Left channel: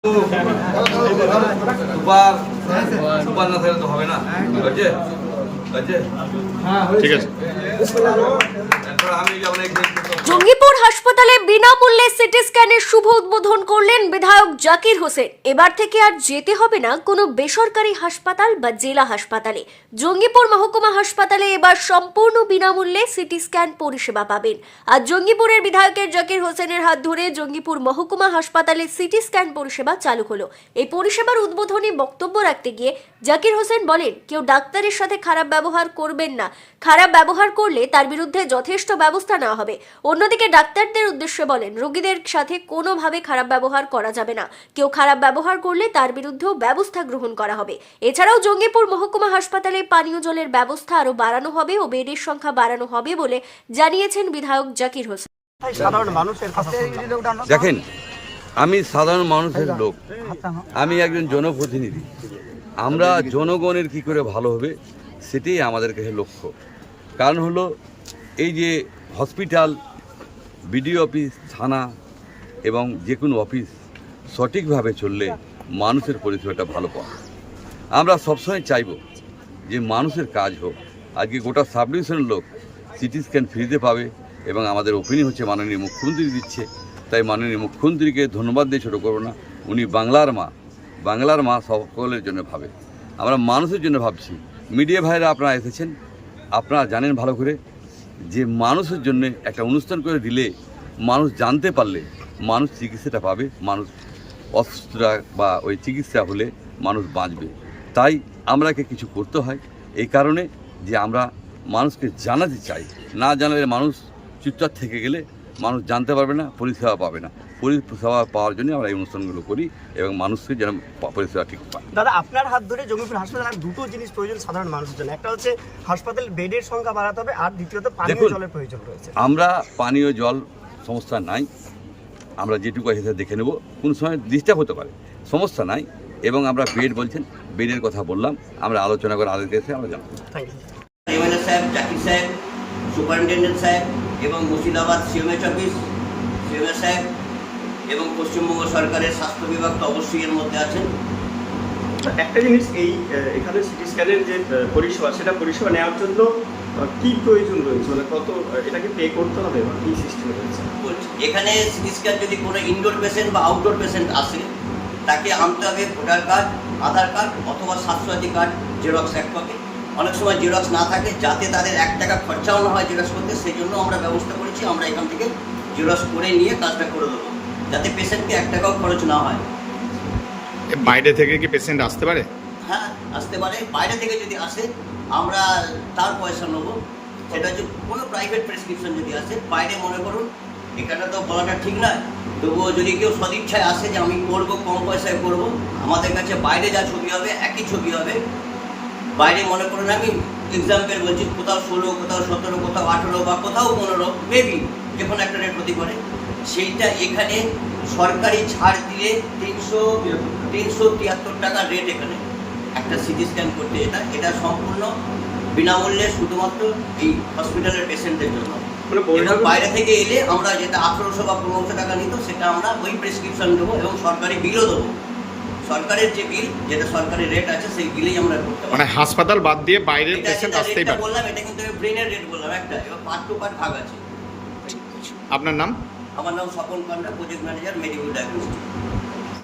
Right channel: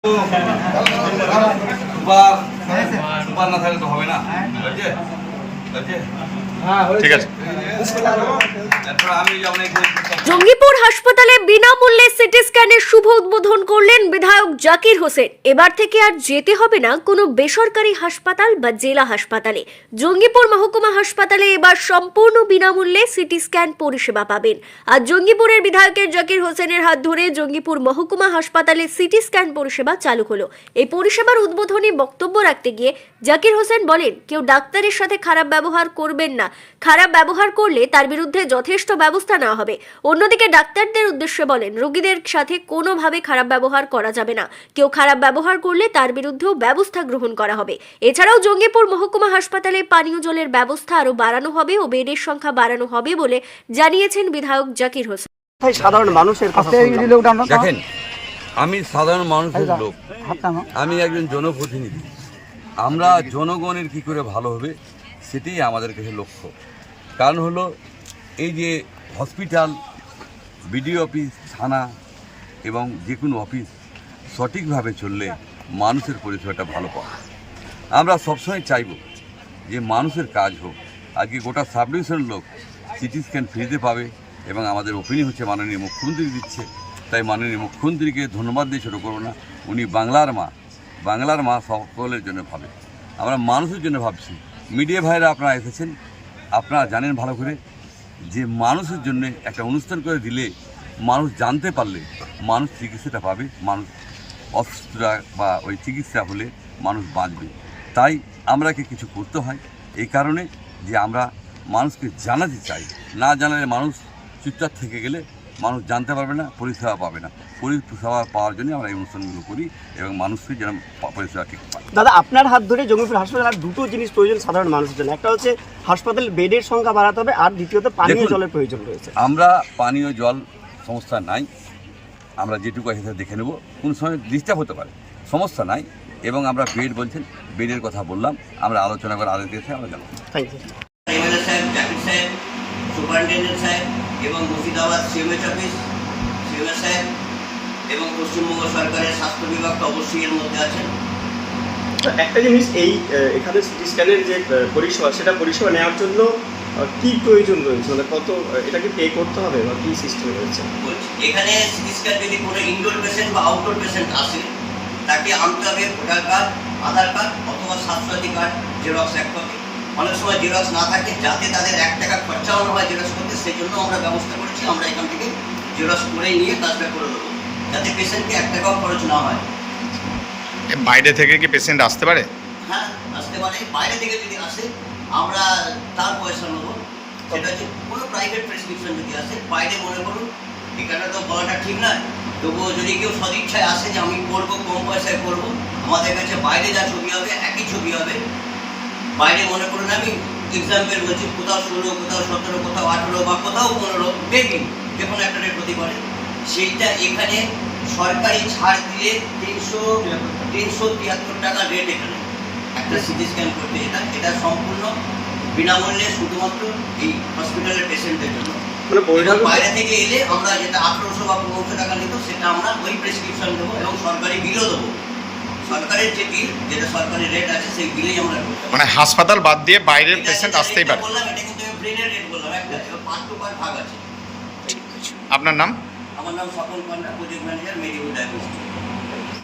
Super না থাকলে তো হবে না। ঠিক আছে। জঙ্গিপুর হাসপাতালে বিনামূল্যে সিটি স্ক্যানের শুভ উদ্বোধন করলেন বিধায়ক জাকির হোসেন। এবার থেকে আর যেতে হবে না কোনো বেসরকারি হাসপাতাল বা জেলা হাসপাতালে। জঙ্গিপুর মহকুমা হাসপাতালে এবার সম্পূর্ণ বিনামূল্যে সিটি স্ক্যান পরিষেবা পাবেন। আর জঙ্গিপুরের বিধায়কের জাকির হোসেনের হাত ধরে জঙ্গিপুর মহকুমা হাসপাতালে সিটি স্ক্যান পরিষেবা চালু হলো। এই পরিষেবার উদ্বোধনী বক্তব্য রাখতে গিয়ে জাকির হোসেন বলেন, কেউ ডাক্তারের সাথে খারাপ ব্যবহার করবেন না। খারাপ ব্যবহার করলে তার বিরুদ্ধে যথেষ্ট ব্যবস্থা নেওয়া হবে। অন্যদিকে ডাক্তারদের উদ্দেশ্যে বলেন, রোগীদের সাথে কোনোভাবে খারাপ ব্যবহার করা যাবে না। কেউ খারাপ ব্যবহার করলে তার বিরুদ্ধেও ব্যবস্থা গ্রহণ করা হবে। এছাড়াও জঙ্গিপুর মহকুমা হাসপাতালে পানীয় জলের ব্যবস্থা আরো বাড়ানো হবে ও বেডের সংখ্যা বাড়ানো হবে বলে জানিয়েছেন বিধায়ক জাকির হোসেন। সাধারণ মানুষের দেখেন, আমি সাধারণ মানুষের লোক, আমি একজন জনপ্রতিনিধি। আমরা জনগণের কি করে ভালো হবে সেটাই আমাদের কাছে লক্ষ্য। কারণ হলো এই যে হসপিটাল, বিডিও অফিস, থানা এবং যে কোনো অফিস সঠিকভাবে চললে মানুষের পরিষেবাটা ভালো পায়। আমরা সবসময় চাইব যে মানুষের কাজ হোক। আজকে গোটা সাব ডিভিশনের লোক সিটি স্ক্যান ফ্রিতে পাবে এবং আমাদের ওপিনিয়ন হচ্ছে মাননীয় মুখ্যমন্ত্রী দিচ্ছে। তাই মাননীয় মুখ্যমন্ত্রীকে ধন্যবাদ দিয়ে ছোটো করবো না। উনি বাংলার মা সকলের জন্য ভাবে। আমরা মানুষের জন্য ভাবছি। মিডিয়া ভাইরা আপনারা এসেছেন, আপনারা জানেন ভালো করে যে মানুষের জন্য একটা অনুষ্ঠান করে দিলে, মানুষ জানতে পারলে মানুষ চিকিৎসাটা পাবে। মানুষ অসুস্থতা বা ওই চিকিৎসা হলে মানুষ বাঁচবে। তাই আমরাকে কিছু করতে হয় এই কারণে যে আমরা মানুষকে জানাতে চাই। না জানালে মানুষ চুপচাপ থেকে গেলে মানুষ জানতে পারবে না, পরিষেবা পাবে না। পরিষেবা পাওয়ার জন্য আমরা এই অনুষ্ঠানগুলো করি এবং মানুষকে যেন পরিষেবা ঠিক পায়। দাদা, আপনার হাত ধরে জঙ্গিপুর হাসপাতালে আর দুটো জিনিস প্রয়োজন সাধারণ মানুষের জন্য। একটা হচ্ছে হাসপাতালের বেডের সংখ্যা বাড়াতে হবে, আর দ্বিতীয়ত পানীয় জলের প্রয়োজন রয়েছে। আমরা পানীয় জল সমস্যা নাই, আমরা যেটুকু আছে দেখে নেব। কোন সময় ডিস্টার্ব হতে পারে, সমস্যা নাই। এবং আমরা বেড বলছেন, বেডের কথা বললাম, আমরা আলোচনা করে আলোচনা এসে আমরা জানাবো। থ্যাংক ইউ এমএলএ সাহেব, জাকির সাহেব, সুপারিনটেন্ডেন্ট সাহেব এবং মুর্শিদাবাদ সিএমএইচ অফিস সিএমএস সাহেব এবং পশ্চিমবঙ্গ সরকারের স্বাস্থ্য বিভাগ তো অবশ্যই এর মধ্যে আছেন। একটা জিনিস, এই এখানে সিটি স্ক্যানের যে পরিষেবা, সেটা পরিষেবা নেওয়ার জন্য কি প্রয়োজন রয়েছে, মানে কত এটাকে পে করতে হবে বা কি সিস্টেম রয়েছে? এখানে সিটি স্ক্যান যদি কোনো ইনডোর পেশেন্ট বা আউটডোর পেশেন্ট আসে, তাকে আনতে হবে ভোটার কার্ড, আধার কার্ড অথবা স্বাস্থ্যসাথী কার্ড, জেরক্স এক কপি। অনেক সময় জেরক্স না থাকে, যাতে তাদের 1 টাকা খরচাও না হয় জেরক্স করতে, সেই জন্য আমরা ব্যবস্থা করেছি। আমরা এখান থেকে জেরক্স করে নিয়ে কাজটা করে দেবো, যাতে পেশেন্টকে 1 টাকাও খরচ না হয়। বাইরে থেকে কি পেশেন্ট আসতে পারে? হ্যাঁ, আসতে পারে। বাইরে থেকে যদি আসে আমরা তার পয়সা নেবো। সেটা হচ্ছে কোনো প্রাইভেট প্রেসক্রিপশন যদি আসে, বাইরে মনে করুন, এখানে তো বলাটা ঠিক নয়, তবুও যদি কেউ সদিচ্ছায় আসে যে আমি করবো, কম পয়সায় করবো, আমাদের কাছে বাইরে যা ছবি হবে একই ছবি হবে। বাইরে মনে করুন, আমি এক্সাম্পল বলছি, কোথাও 16, কোথাও 17, কোথাও 18 বা কোথাও 15, মেবি যে কোনো একটা রেট হতে পারে। সেইটা এখানে সরকারি ছাড় দিয়ে 373 টাকা রেট এখানে একটা সিটি স্ক্যান করতে। এটা সম্পূর্ণ বিনামূল্যে শুধুমাত্র এই হসপিটালের পেশেন্টের জন্য। এবং বাইরে থেকে এলে আমরা যেটা 1800 বা 1500 টাকা নিত, সেটা আমরা ওই প্রেসক্রিপশন দেবো এবং সরকারি বিলও দেবো। সরকারের যে বিল, যেটা সরকারি রেট আছে, সেই বিলেই আমরা করতে পারি। মানে হাসপাতাল বাদ দিয়ে বাইরের পেশেন্ট আসতেই পারে। বললাম, এটা কিন্তু ব্রেনের রেট বললাম একটা, এবং 5 to 5 ভাগ আছে। আপনার নাম? আমার নাম স্বপন পান্ডা, প্রজেক্ট ম্যানেজার, মেডিকেল ডায়াগনস্টিক।